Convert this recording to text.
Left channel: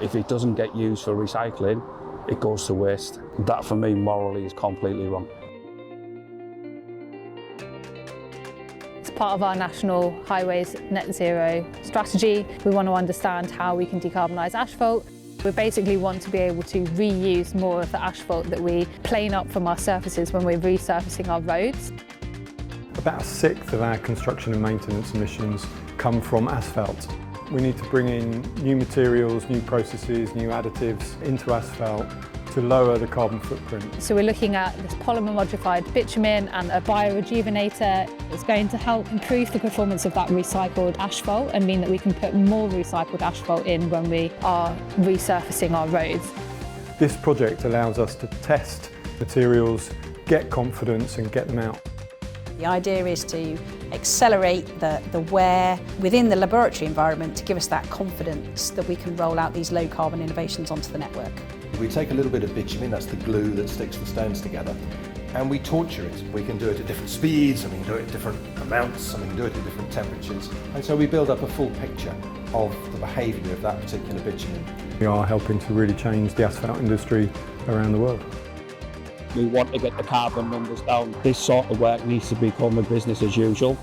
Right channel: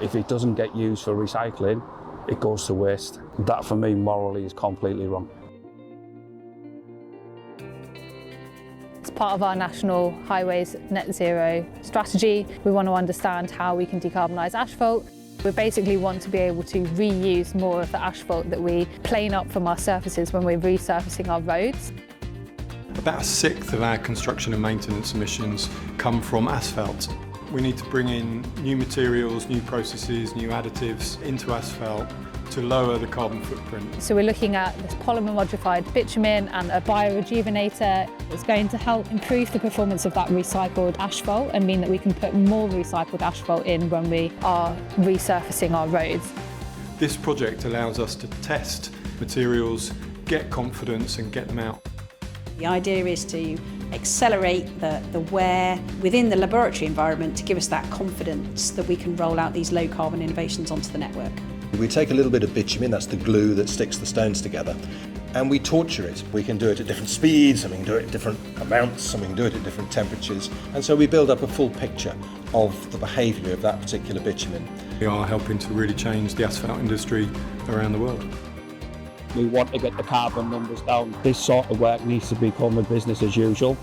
If it doesn't get used for recycling, it goes to waste. That for me morally is completely wrong. As part of our National Highways Net Zero strategy, we want to understand how we can decarbonise asphalt. We basically want to be able to reuse more of the asphalt that we plane up from our surfaces when we're resurfacing our roads. About a sixth of our construction and maintenance emissions come from asphalt. We need to bring in new materials, new processes, new additives into asphalt to lower the carbon footprint. So we're looking at this polymer modified bitumen and a biorejuvenator. It's going to help improve the performance of that recycled asphalt and mean that we can put more recycled asphalt in when we are resurfacing our roads. This project allows us to test materials, get confidence and get them out. The idea is to accelerate the wear within the laboratory environment to give us that confidence that we can roll out these low carbon innovations onto the network. We take a little bit of bitumen, that's the glue that sticks the stones together, and we torture it. We can do it at different speeds, and we can do it at different amounts, and we can do it at different temperatures, and so we build up a full picture of the behaviour of that particular bitumen. We are helping to really change the asphalt industry around the world. We want to get the carbon numbers down. This sort of work needs to become a business as usual.